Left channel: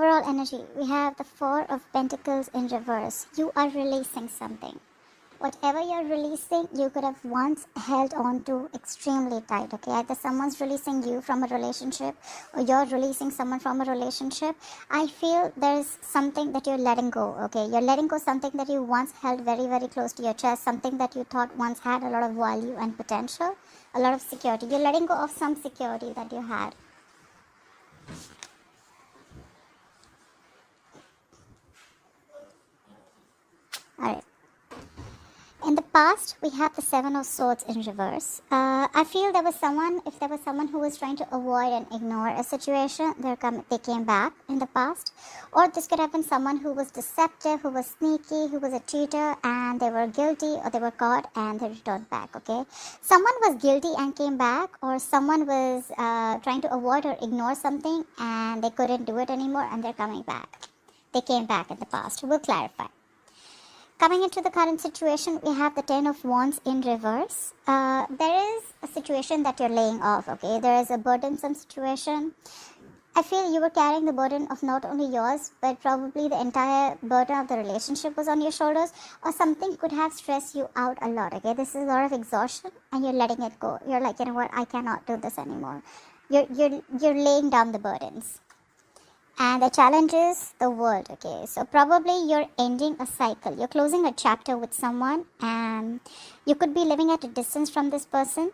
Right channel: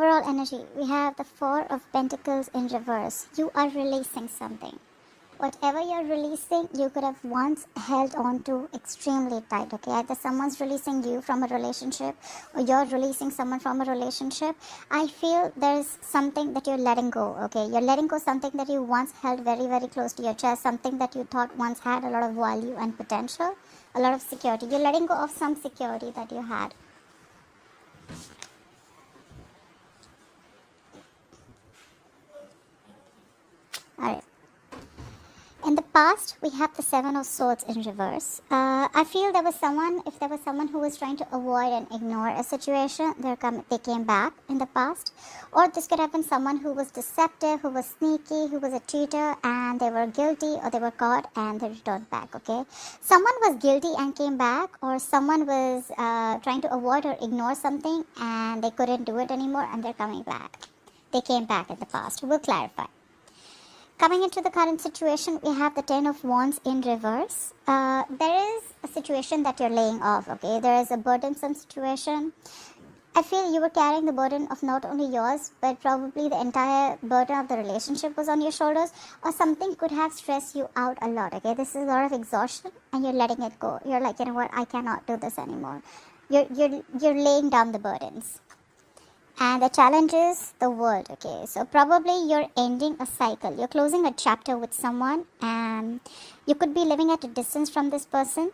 overall energy, we have the Four of Pentacles in reverse. You are releasing something. Whatever you're releasing, you could have once held on to extremely tight, okay? Either someone's releasing you from a relationship or you're releasing someone from a relationship. I feel there's something that you're letting go, okay? You're letting go something that you once held very, very close to your chest, something that you thought once had a lot of value and potential, a lot of security. You're letting go of some security that you had. Alright. In the past, we had the Seven of Swords in reverse. I feel if there was someone who was trying to avoid and ignore a situation, they came back in the past. Or this could have been someone who was deceptive, who was sneaky, who was a cheater, and they were guilty or they were caught and they returned back, okay? Someone was guilty and came back, or someone was trying to avoid or ignore something and they couldn't do it anymore and they're coming back. They came back in the past. We'll clarify. Coming into the current situation, we have the Ten of Wands in reverse. There is a situation that you're laying off, okay? There is a burdensome situation. I feel you were carrying the burden of not only yours, but probably the entire burden of the relationship was on your shoulders, or something could have stressed you out a lot, okay? This is a lot of exhaustion, and you're letting it go. You're like, you know what, I cannot do this anymore. You're laying down the burdens. And the challenge is the world, okay? So probably you're ending a cycle. You're closing a chapter with someone, and you could be living at a distance from this person.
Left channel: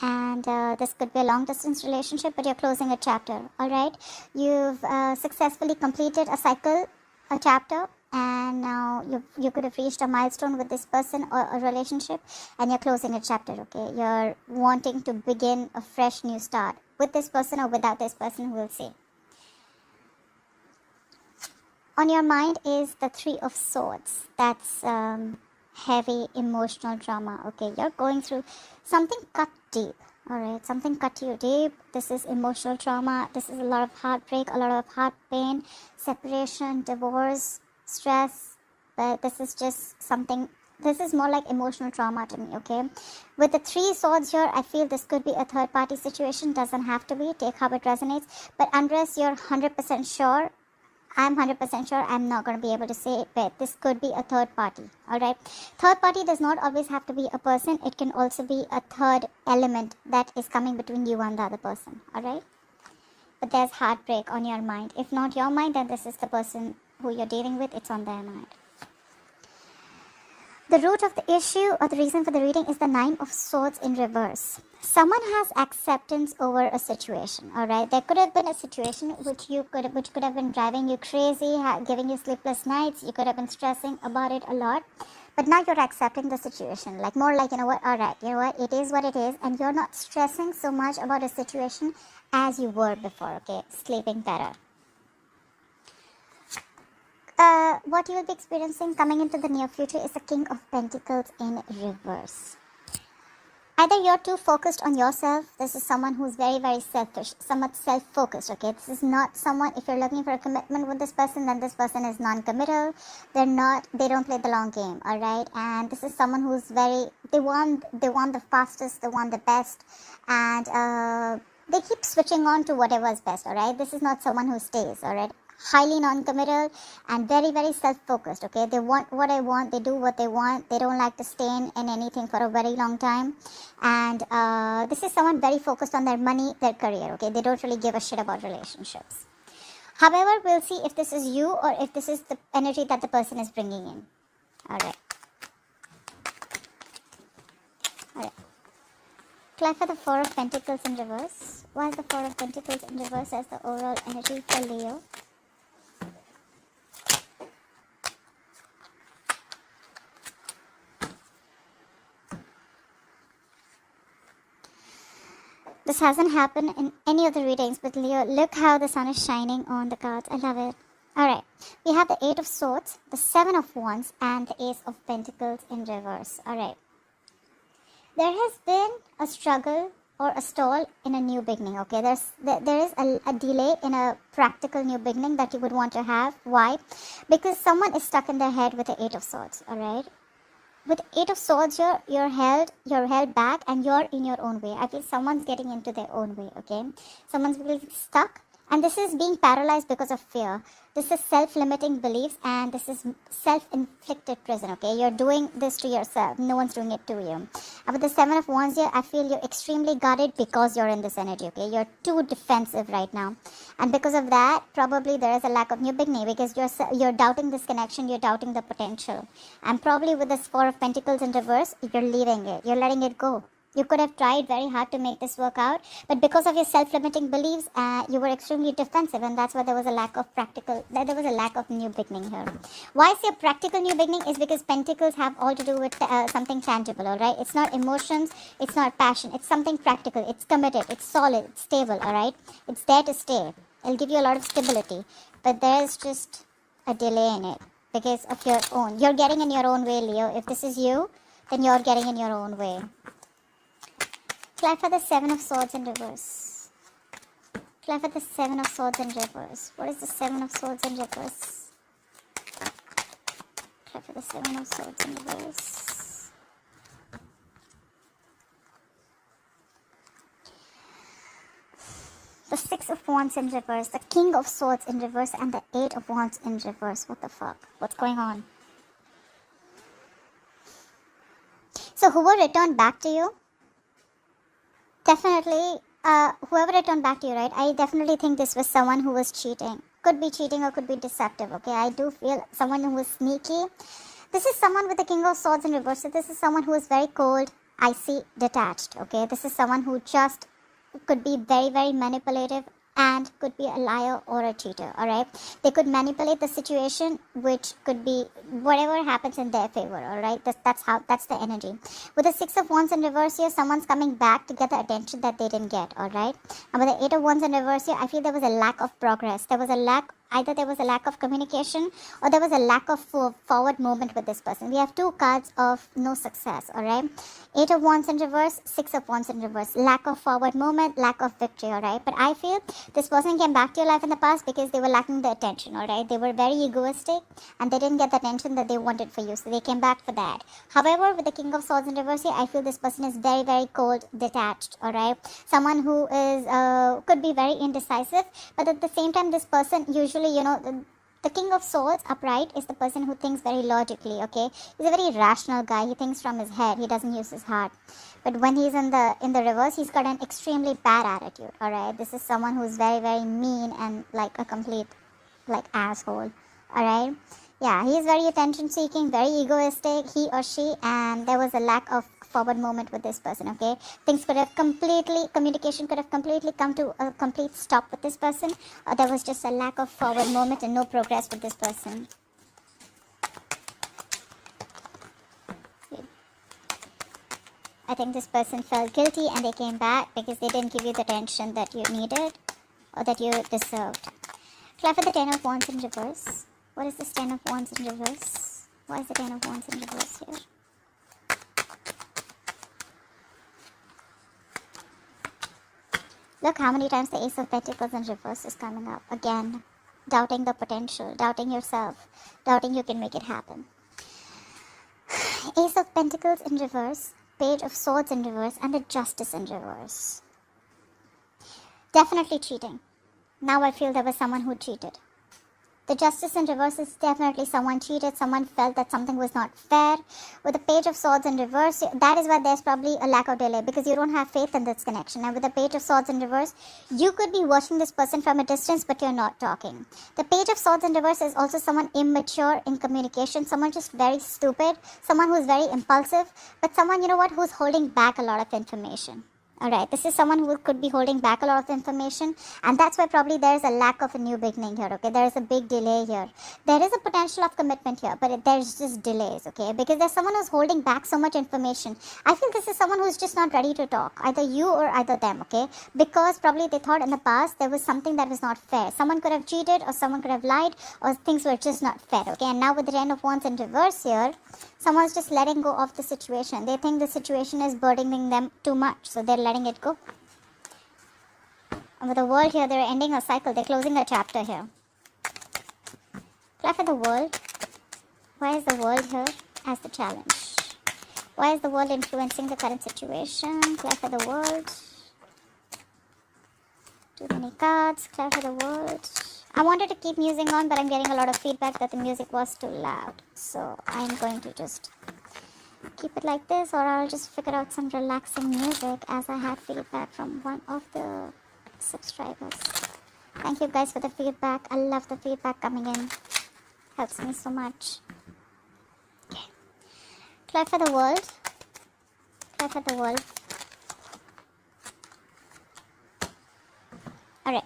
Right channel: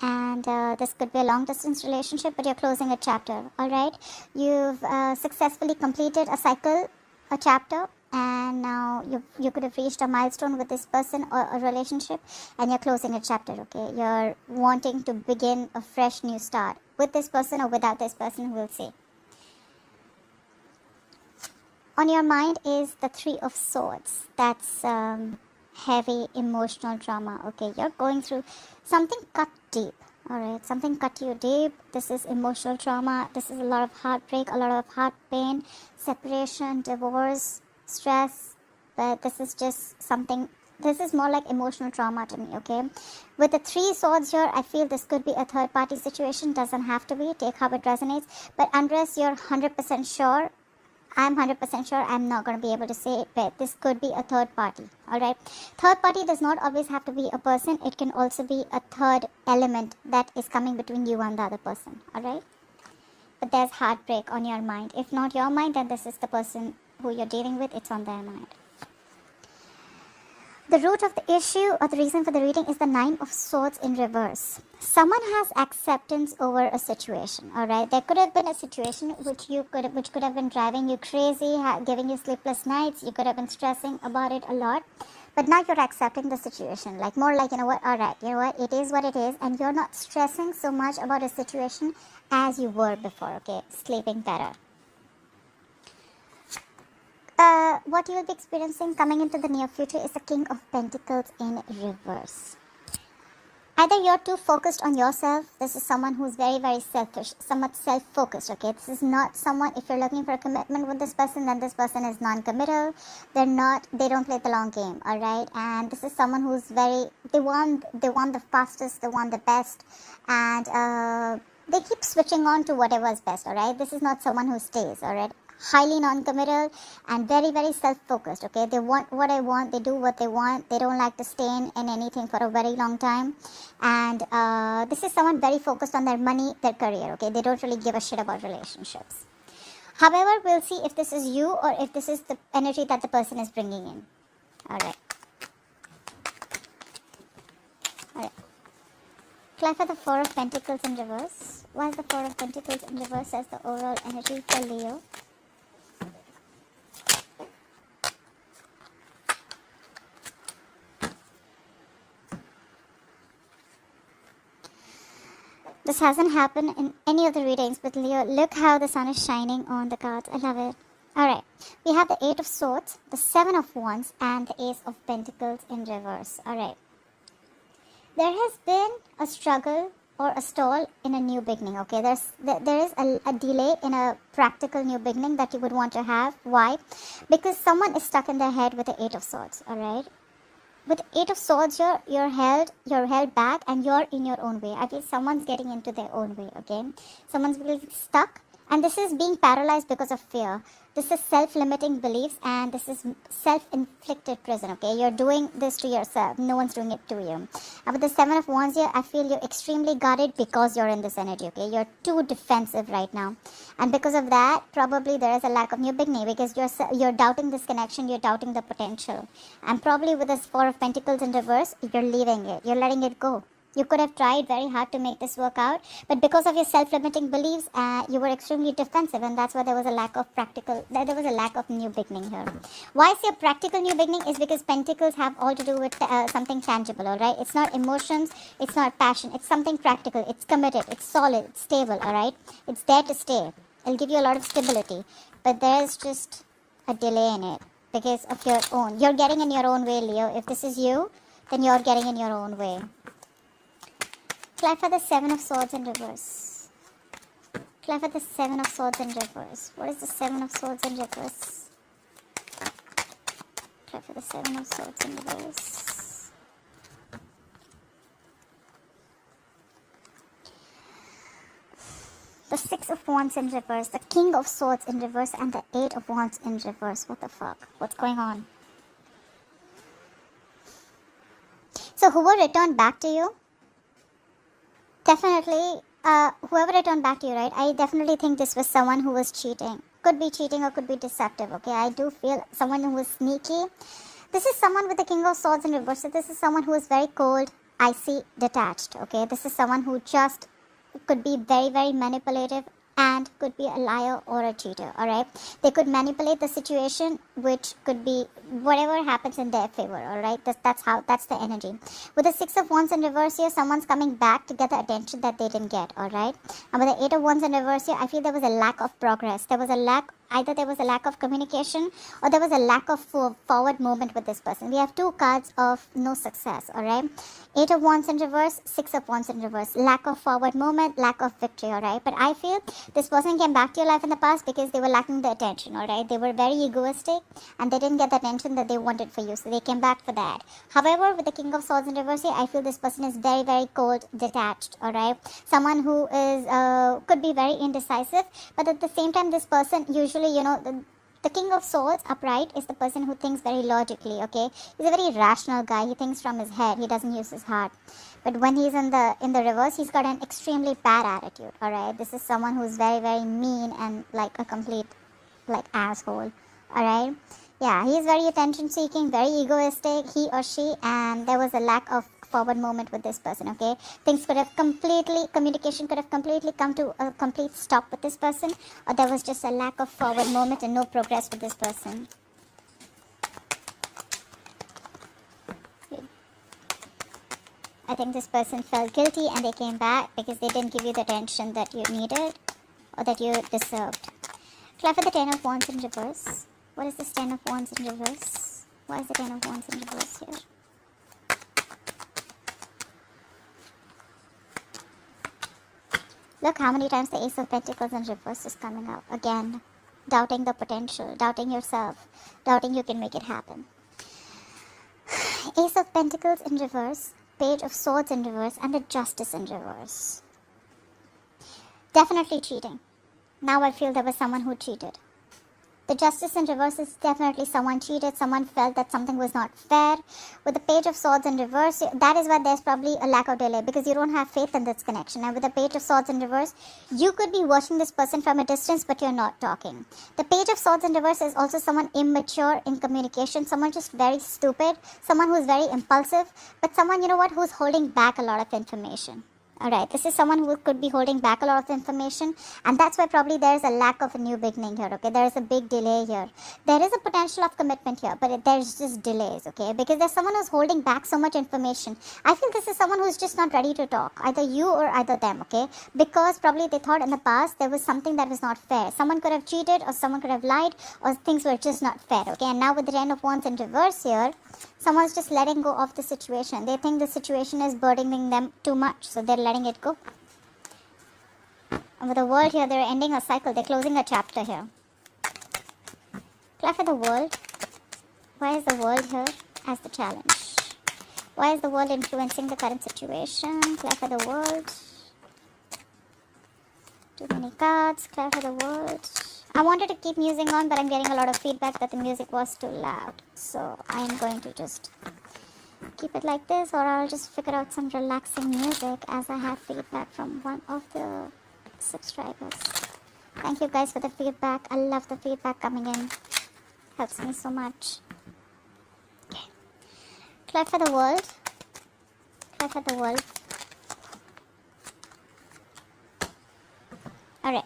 And this could be a long distance relationship, but you're closing a chapter, all right? You've successfully completed a cycle, a chapter, and now you could have reached a milestone with this person or a relationship, and you're closing a chapter, okay? You're wanting to begin a fresh new start with this person or without this person, we'll see. On your mind is the Three of Swords. That's heavy emotional trauma. Okay, you're going through something cut deep. Alright, something cut you deep. This is emotional trauma. This is a lot of heartbreak, a lot of heart pain, separation, divorce, stress. But this is just something, this is more like emotional trauma to me, okay? With the Three Swords here, I feel this could be a third party situation. Doesn't have to be. Take how it resonates. But unless you're 100% sure, I'm 100% sure I'm not going to be able to say it, but this could be a third party, alright? Third party does not always have to be a person. It can also be a third element that is coming between you and the other person, alright? But there's heartbreak on your mind. If not your mind, then this is the person who you're dealing with. It's on their mind. The root of the issue or the reason for the reading is the Nine of Swords in reverse. Someone has acceptance over a situation, alright? There could have been a situation which could have been driving you crazy, giving you sleepless nights. You could have been stressing about it a lot. But now you're accepting the situation. Like more like, you know what, alright, you know what, it is what it is. And you're not stressing so much about a situation as you were before, okay? Sleeping better. What you will be experiencing coming into the near future is the King of Pentacles in reverse. Either you're too focused on yourself. This is someone who's very, very selfish, somewhat self-focused, okay? This is not someone, if you're looking for a commitment with this person, then this person is non-committal. They don't play the long game, all right? And this is someone who's they want the fastest, they want the best, and they keep switching on to whatever is best, all right? This is not someone who stays, all right? Highly non-committal and very, very self-focused, okay? They want what they want, they do what they want, they don't like to stay in anything for a very long time. And this is someone very focused on their money, their career, okay? They don't really give a shit about relationships. However, we'll see if this is you or if this is the energy that the person is bringing in. Alright. Alright. Clarify the Four of Pentacles in reverse. Why is the Four of Pentacles in reverse as the overall energy for Leo? This hasn't happened in any of the readings, but Leo, look how the sun is shining on the cards. I love it. Alright, we have the Eight of Swords, the Seven of Wands, and the Ace of Pentacles in reverse. Alright. There has been a struggle or a stall in a new beginning, okay? There is a delay in a practical new beginning that you would want to have. Why? Because someone is stuck in their head with the Eight of Swords, alright? With Eight of Swords, you're held back and you're in your own way. I feel someone's getting into their own way, okay? Someone's really stuck And this is being paralyzed because of fear. This is self-limiting beliefs, and this is self-inflicted prison, okay? You're doing this to yourself. No one's doing it to you. And with the Seven of Wands here, I feel you're extremely guarded because you're in this energy, okay? You're too defensive right now. And because of that, probably there is a lack of new beginning because you're doubting this connection, you're doubting the potential. And probably with this Four of Pentacles in reverse, you're leaving it. You're letting it go. You could have tried very hard to make this work out, but because of your self-limiting beliefs, you were extremely defensive, and that's where there was a lack of new beginning here. Why I say practical new beginning is because Pentacles have all to do with something tangible, all right? It's not emotions, it's not passion, it's something practical, it's committed, it's solid, it's stable, all right? It's there to stay. It'll give you a lot of stability, but there is just a delay in it because of your own. You're getting in your own way, Leo. If this is you, then you're getting in your own way. Apply for the Seven of Swords in reverse. Apply for the Seven of Swords in reverse. What is the Seven of Swords in reverse? Apply for the Seven of Swords in reverse. The Six of Wands in reverse. The King of Swords in reverse. And the Eight of Wands in reverse. What the fuck? What's going on? So who will return back to you? Definitely, whoever returned back to you, right? I definitely think this was someone who was cheating. Could be cheating or could be deceptive, okay? I do feel someone who was sneaky. This is someone with the King of Swords in reverse. So this is someone who is very cold, icy, detached, okay? This is someone who just could be very, very manipulative and could be a liar or a cheater, alright? They could manipulate the situation, which could be whatever happens in their favor, alright? That's the energy. With the Six of Wands in reverse here, someone's coming back to get the attention that they didn't get, alright? And with the Eight of Wands in reverse here, I feel there was a lack of progress. Either there was a lack of communication or there was a lack of forward movement with this person. We have two cards of no success, alright? Eight of Wands in reverse, Six of Wands in reverse. Lack of forward movement, lack of victory, alright? But I feel this person came back to your life in the past because they were lacking the attention, alright? They were very egoistic and they didn't get the attention that they wanted for you. So they came back for that. However, with the King of Swords in reverse here, I feel this person is very, very cold, detached, alright? Someone who is, could be very indecisive, but at the same time, this person usually, the King of Swords upright is the person who thinks very logically, okay? He's a very rational guy. He thinks from his head. He doesn't use his heart. But when he's in the reverse, he's got an extremely bad attitude, alright? This is someone who's very, very mean and like a complete, asshole, alright? Yeah, he's very attention-seeking, very egoistic, he or she, and there was a lack of forward movement with this person, okay? Communication could have completely come to a complete stop with this person, or there was just a lack of forward movement and no progress with this person. I think this person felt guilty and they came back because they didn't give you the attention that you needed or that you deserved. Clap for the Ten of Wands in reverse. What is this Ten of Wands in reverse? Why is the Ten of Wands in reverse here? Look how many times the Ace of Pentacles in reverse is coming up. Again, doubting the potential, doubting yourself, doubting you can make it happen. Ace of Pentacles in reverse, Page of Swords in reverse, and the Justice in reverse. Definitely cheating. Now I feel there was someone who cheated. The Justice in reverse is definitely someone cheated, someone felt that something was not fair. With the Page of Swords in reverse, that is why there's probably a lack of delay because you don't have faith in this connection. And with the Page of Swords in reverse, you could be watching this person from a distance, but you're not talking. The Page of Swords in reverse is also someone immature in communication, someone just very stupid, someone who's very impulsive, but someone, who's holding back a lot of information. Alright, this is someone who could be holding back a lot of information, and that's why probably there is a lack of a new beginning here, okay? There is a big delay here. There is a potential of commitment here, but there's just delays, okay? Because there's someone who's holding back so much information. I feel this is someone who's just not ready to talk, either you or either them, okay? Because probably they thought in the past there was something that was not fair. Someone could have cheated, or someone could have lied, or things were just not fair, okay? And now with the Ten of Wands in reverse here, someone's just letting go of the situation. They think the situation is burdening them too much, so they're letting it go. And with the World here, they're ending a cycle. They're closing a chapter here. Clap for the World. Where is the World here as the challenge? Why is the World influencing the current situation? Clap for the World. Too many cards. Clarify the words. I wanted to keep music on, but I'm getting a lot of feedback that the music was too loud. So I'm going to just keep it like this, or I'll just figure out some relaxing music as I have feedback from one of the subscribers. Thank you guys for the feedback. I love the feedback coming in. Helps me so much. Okay. Clap for the world. Clap for the world. Alright.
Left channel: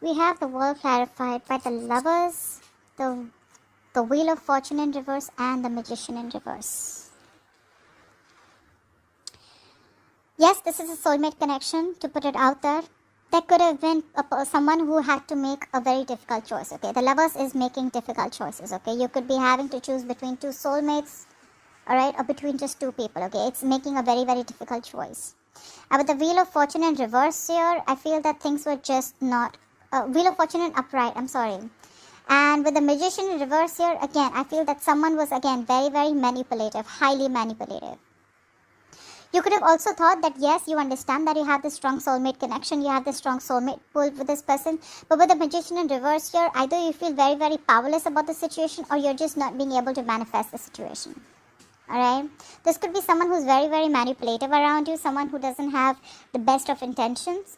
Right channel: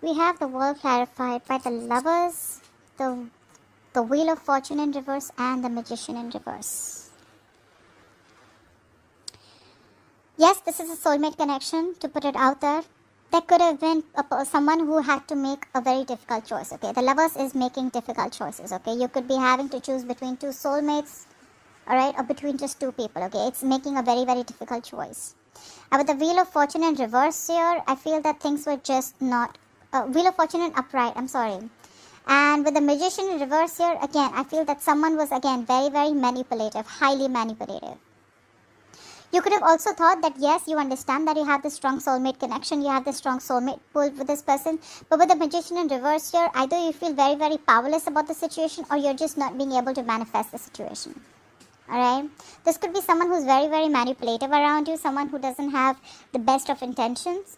We have the world clarified by the Lovers, the Wheel of Fortune in reverse, and the Magician in reverse. Yes, this is a soulmate connection, to put it out there. That could have been someone who had to make a very difficult choice, okay? The Lovers is making difficult choices, okay? You could be having to choose between two soulmates, alright, or between just two people, okay? It's making a very, very difficult choice. With the Wheel of Fortune in reverse here, I feel that things were just not... Wheel of Fortune in upright, I'm sorry. And with the Magician in reverse here, again, I feel that someone was, again, very, very manipulative, highly manipulative. You could have also thought that, yes, you understand that you have this strong soulmate connection, you have this strong soulmate pull with this person, but with the Magician in reverse here, either you feel very, very powerless about the situation, or you're just not being able to manifest the situation. Alright? This could be someone who's very, very manipulative around you, someone who doesn't have the best of intentions.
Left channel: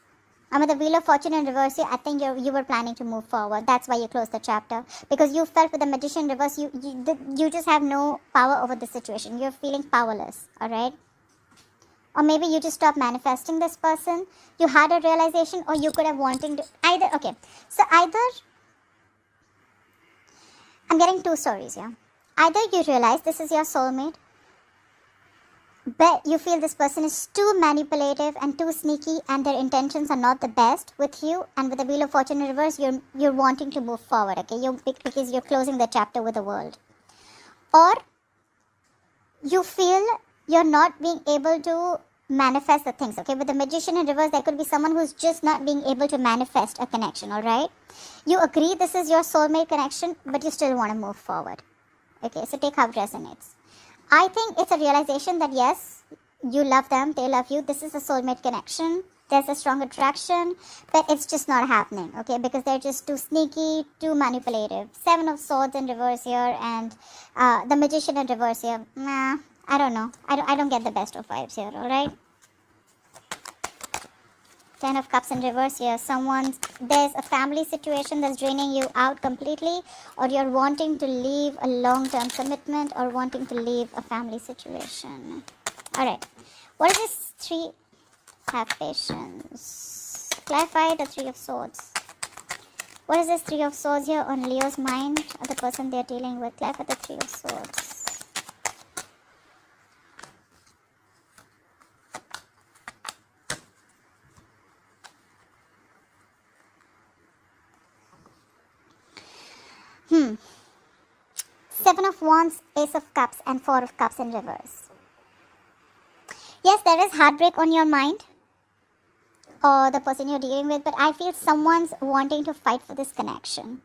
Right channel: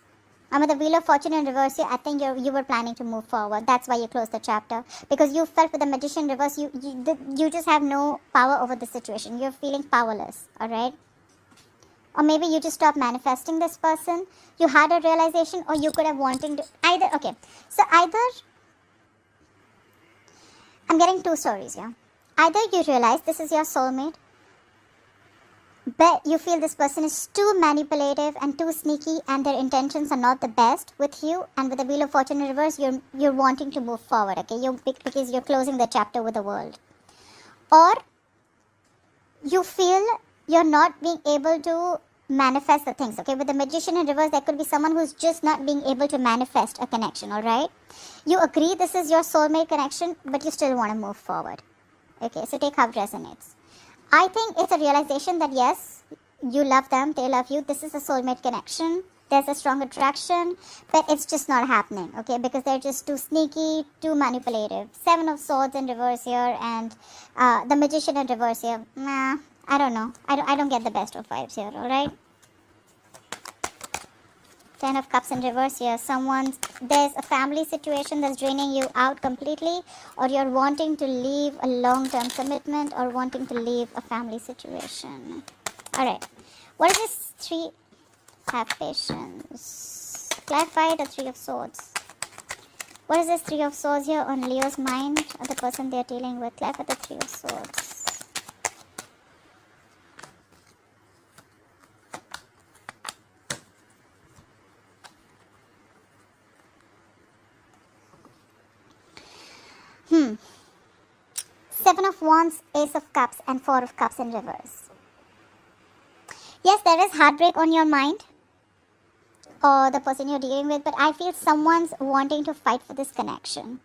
And with the Wheel of Fortune in reverse here, I think you were planning to move forward. That's why you closed the chapter. Because you felt with the Magician in reverse, you just have no power over the situation. You're feeling powerless. Alright? Or maybe you just stopped manifesting this person. You had a realization, or you could have wanted to... Okay. So either... I'm getting two stories here. Either you realize this is your soulmate, but you feel this person is too manipulative and too sneaky, and their intentions are not the best with you, and with the Wheel of Fortune in reverse, you're wanting to move forward, okay? Because you're closing the chapter with the world. Or you feel you're not being able to manifest the things, okay? With the Magician in reverse, there could be someone who's just not being able to manifest a connection, alright? You agree this is your soulmate connection, but you still want to move forward. Okay, so take how it resonates. I think it's a realization that yes, you love them, they love you, this is a soulmate connection, there's a strong attraction, but it's just not happening, okay? Because they're just too sneaky, too manipulative. 7 of Swords in reverse here, and the Magician in reverse here. Nah, I don't know. I don't get the best of vibes here, alright? 10 of Cups in reverse here. There's a family situation that's draining you out completely, or you're wanting to leave a long-term commitment, or wanting to leave a family situation. Alright. What is this 3? Have patience. Clarify the 3 of Swords. What is this 3 of Swords here on Leo's mind, or the person they're dealing with? Clarify the 3 of Swords. Seven of Wands, Ace of Cups, and 4 of Cups in reverse. Yes, there is heartbreak on your mind, or the person you're dealing with, but I feel someone's wanting to fight for this connection.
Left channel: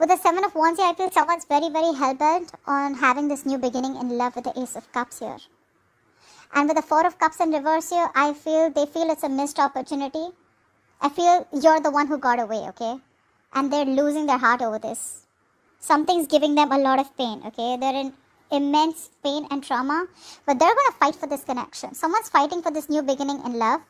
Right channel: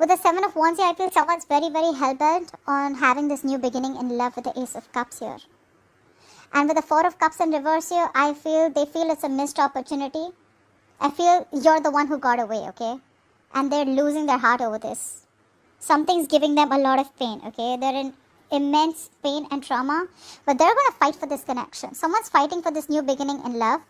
With the 7 of Wands here, I feel someone's very, very hell-bent on having this new beginning in love with the Ace of Cups here. And with the 4 of Cups in reverse here, I feel they feel it's a missed opportunity. I feel you're the one who got away, okay? And they're losing their heart over this. Something's giving them a lot of pain, okay? They're in immense pain and trauma, but they're going to fight for this connection. Someone's fighting for this new beginning in love,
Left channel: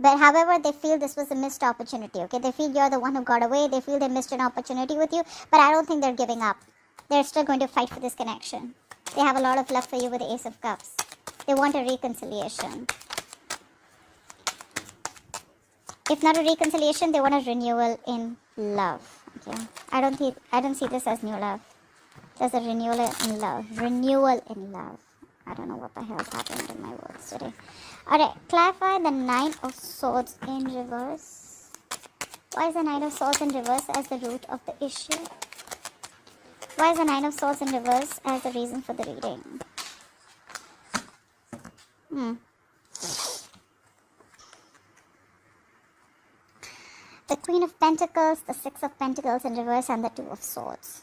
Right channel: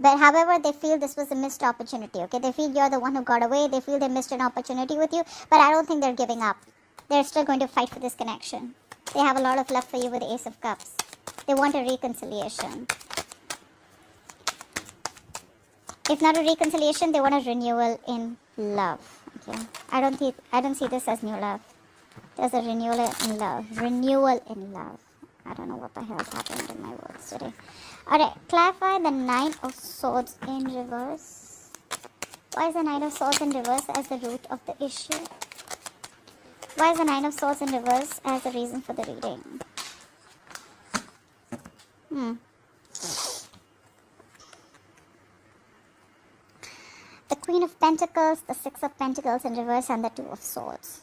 but however, they feel this was a missed opportunity, okay? They feel you're the one who got away. They feel they missed an opportunity with you, but I don't think they're giving up. They're still going to fight for this connection. They have a lot of love for you with the Ace of Cups. They want a reconciliation. If not a reconciliation, they want a renewal in love. Okay. I don't see this as new love. There's a renewal in love. Renewal in love. I don't know what the hell is happening in my words today. Alright, clarify the 9 of Swords in reverse. Why is the 9 of Swords in reverse as the root of the issue? Why is the 9 of Swords in reverse as the reason for the reading? The Queen of Pentacles, the 6 of Pentacles in reverse, and the 2 of Swords.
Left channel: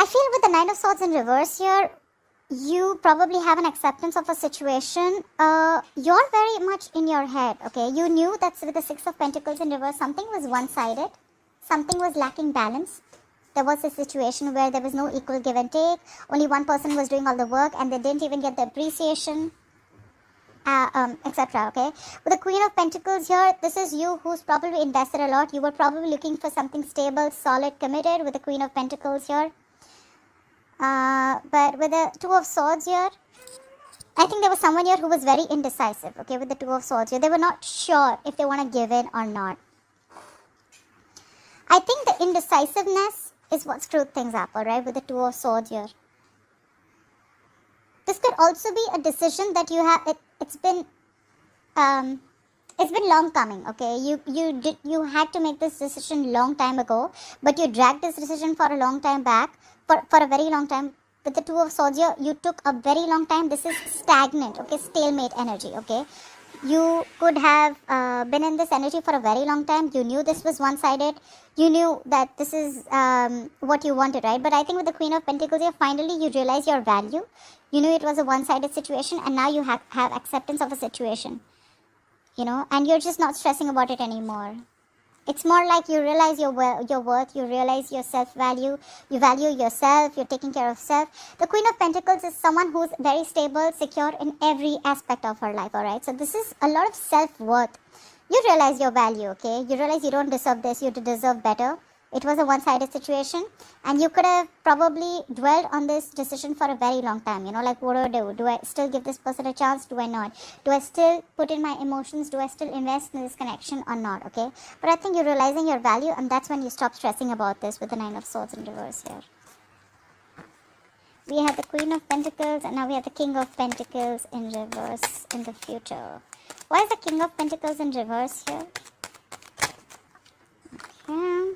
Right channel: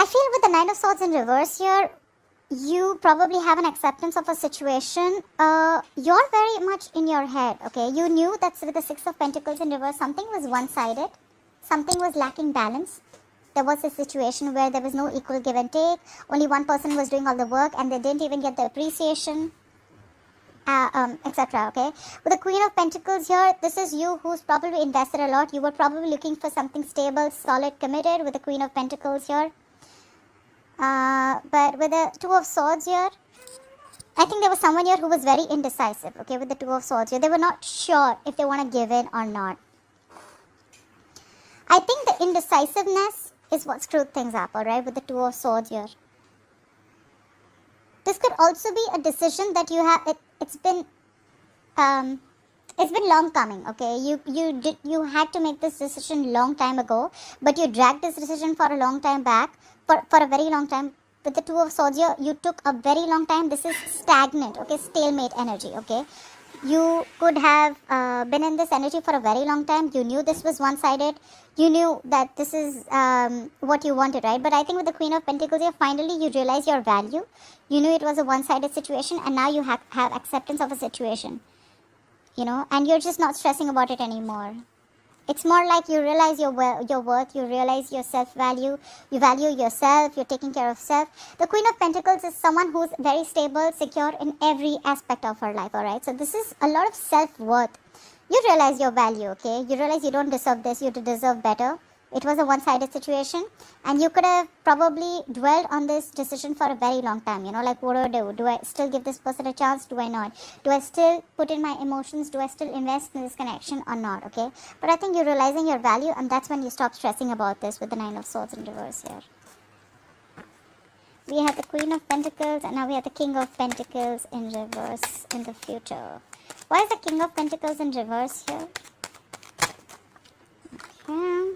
I feel with the 9 of Swords in reverse here, you probably have an acceptance of a situation. You're very much in your head, okay? You knew that with the Six of Pentacles in reverse, something was one-sided. Something was lacking balance. There was a situation where there was no equal give and take. Only one person was doing all the work and they didn't even get the appreciation, etc. Okay, with the Queen of Pentacles here, this is you who's probably invested a lot. You were probably looking for something stable, solid, committed with the Queen of Pentacles here. But with the Two of Swords here, I think there was someone here who was very indecisive. Okay, with the Two of Swords here, they were not sure if they want to give in or not. I think the indecisiveness is what screwed things up, alright, with the Two of Swords here. This could also be a decision that you have, it's been long coming, okay? You had to make this decision long time ago, but you dragged this decision for a long time back, for a very long time. With the Two of Swords here, you took a very long time. This is stagnant, okay? Stalemate energy, okay? You could have been in this energy for a very long time. You knew this was one-sided. You knew that this is what you wanted, right? But I think with the Queen of Pentacles here, finally you realize your value. You knew it was a one-sided situation, and now you have acceptance of a situation, you know, and you're just not stressing about it anymore. It's more like you realize your worth, you realize your self-value, you value yourself, you're taking care of self. The Queen of Pentacles is someone who's very stable, secure in every aspect of her life, alright? So this is a lot of self-worth. You realize your value, okay? You realize you don't deserve this, you deserve better. It was a one-sided situation, and you could have probably dwelled on this decision for a very long time, you know, like what do I do? Do I still give this person a chance? Do I not? Do I still put in my emotions? Do I still invest in this connection or not, okay? But I think you're realizing your value, and that's when you stop stressing about this with the Nine of Swords in reverse here. We have the Queen of Pentacles, and now we have the King of Pentacles in reverse in the future. Why is the King of Pentacles in reverse here? Okay.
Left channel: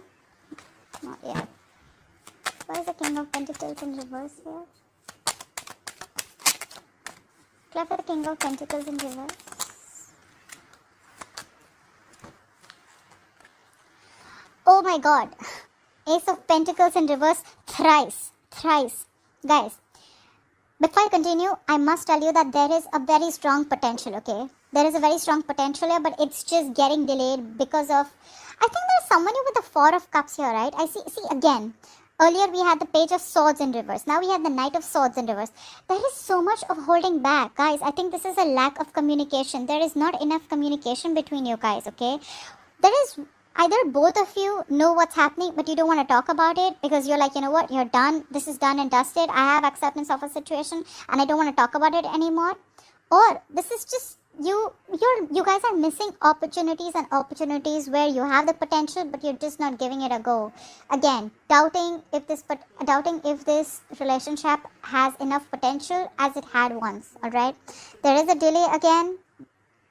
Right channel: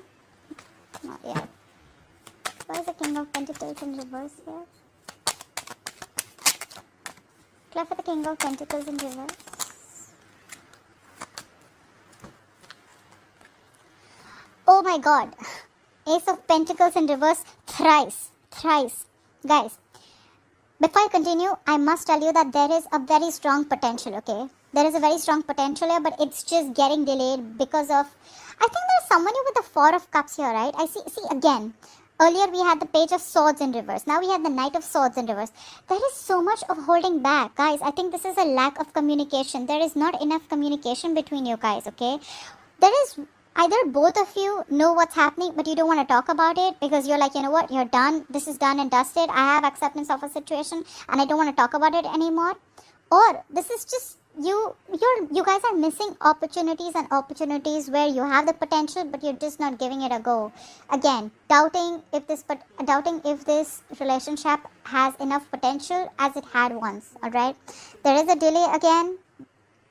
Not yet. Why is the King of Pentacles in reverse here? Clap for the King of Pentacles in reverse. Oh my god. Ace of Pentacles in reverse thrice. Guys, before I continue, I must tell you that there is a very strong potential, okay? There is a very strong potential here, but it's just getting delayed because of... I think there's someone here with the Four of Cups here, right? I see again. Earlier we had the Page of Swords in reverse. Now we have the Knight of Swords in reverse. There is so much of holding back, guys. I think this is a lack of communication. There is not enough communication between you guys, okay? There is... Either both of you know what's happening, but you don't want to talk about it because you're like, you know what, you're done. This is done and dusted. I have acceptance of a situation and I don't want to talk about it anymore. Or this is just you guys are missing opportunities and opportunities where you have the potential, but you're just not giving it a go. Again, doubting if this relationship has enough potential as it had once. All right, there is a delay again,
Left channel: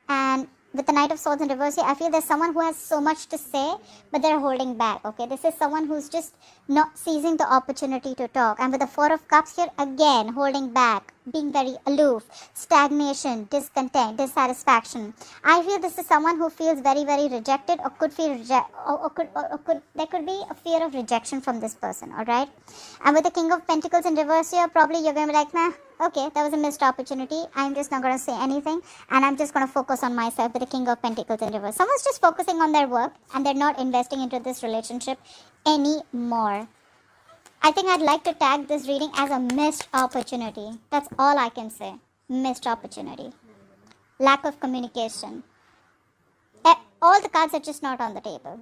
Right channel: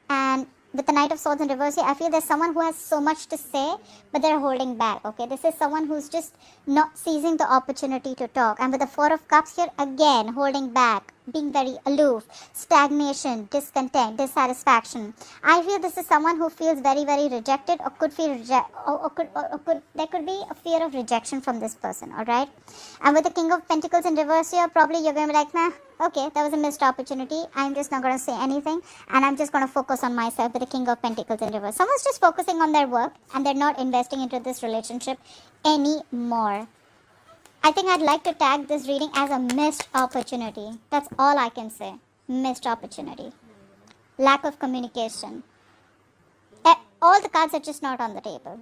and with the Knight of Swords in reverse, I feel there's someone who has so much to say, but they're holding back, okay? This is someone who's just not seizing the opportunity to talk. And with the Four of Cups here, again, holding back, being very aloof, stagnation, discontent, dissatisfaction. I feel this is someone who feels very, very rejected or could feel there could be a fear of rejection from this person, alright? And with the King of Pentacles in reverse here, probably you're going to be like, nah, okay, that was a missed opportunity. I'm just not going to say anything, and I'm just going to focus on myself with the King of Pentacles in reverse. Someone's just focusing on their work, and they're not investing into this relationship anymore. I think I'd like to tag this reading as a missed opportunity. That's all I can say. Missed opportunity. Lack of communication. All the cards are just not on the table.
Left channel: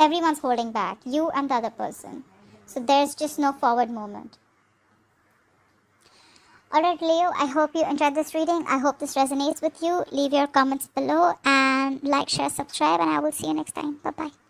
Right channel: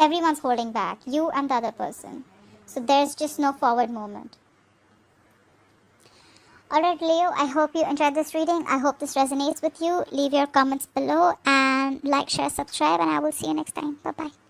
Everyone's holding back. You and the other person. So there's just no forward movement. Alright Leo, I hope you enjoyed this reading. I hope this resonates with you. Leave your comments below and like, share, subscribe, and I will see you next time. Bye-bye.